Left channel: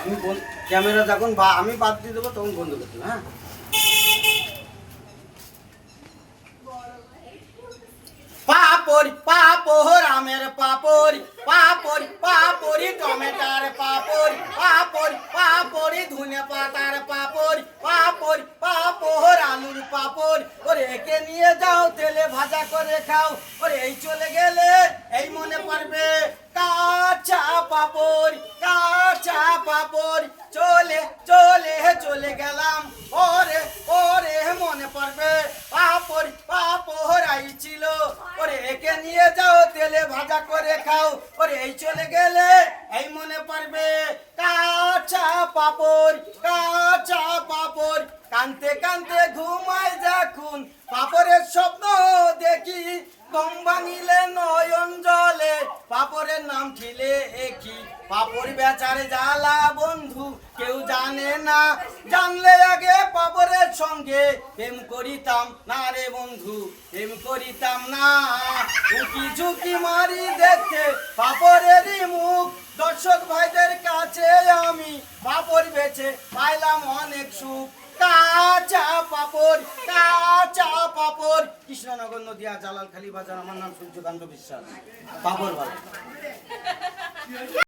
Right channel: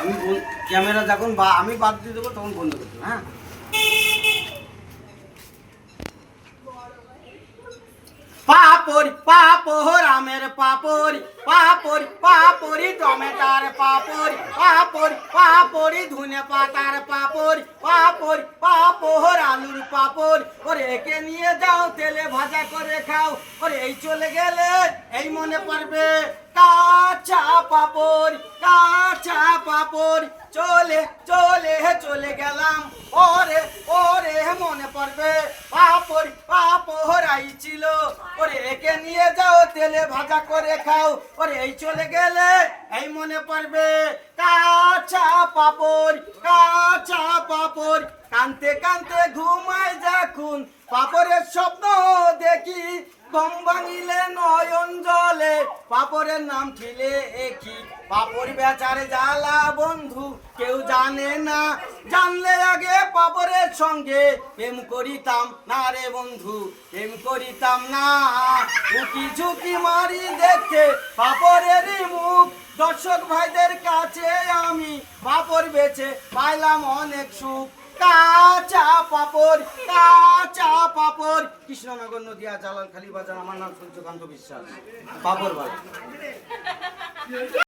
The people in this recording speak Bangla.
আমি ক্যামেরা যখন আমি বাদ দিয়ে দেবো তখন বন্ধ করতে, হ্যাঁ। পাপড়ি পাপড় আমের পাপড়ি পাপড়ি পাপড়ি টমেটার পাপড়ি পাপড়ি পাপড়ি ধনে পাতার পাপড়ি পাপড়ি পাপড় আলুর পাপড়। ওরে একে নিয়ে যাও তেলে ভাজা করে খাও। ওরে এই চলে গেলে এই মনে পড়বে কাঁচা পাপড় কাঁচা পাপড়। চলে চলে চলে গেলাম ওরে ওরে মনে পড়বে পাপড় পাপড় আইছিল। ওরে একে নিয়ে যাও তেলে ভাজা করে খাও। ওরে এই চলে গেলে এই মনে পড়বে কাঁচা পাপড় কাঁচা পাপড়। কানতে কানতে ঘুমাই যখন পাপড়ের স্বপ্ন দেখি ঘুম ভাঙিলে নয়ন জলে পাপড়ের নাম ঠিলে একই। পাপড় বেচারে জ্বালা বন্ধু কেউ জানে না, জানলে আগে পাপড়ের সঙ্গে প্রেম করিতাম না রে বন্ধু, প্রেম করিতাম না। উকি ঝুঁকি মারি দেখতে পাপড়েরই মুখ, দর্শক ভাইদের কাছে আমি পাপড় বেচে পাইলাম অনেক সুখ। কাঁচা পাপড় কাঁচা পাপড়। কৃষ্ণনগর নদিয়া জালালখালী বাজার। আমার নাম সূর্যকান্ত বিশ্বাস। পাপড় বাড়ি।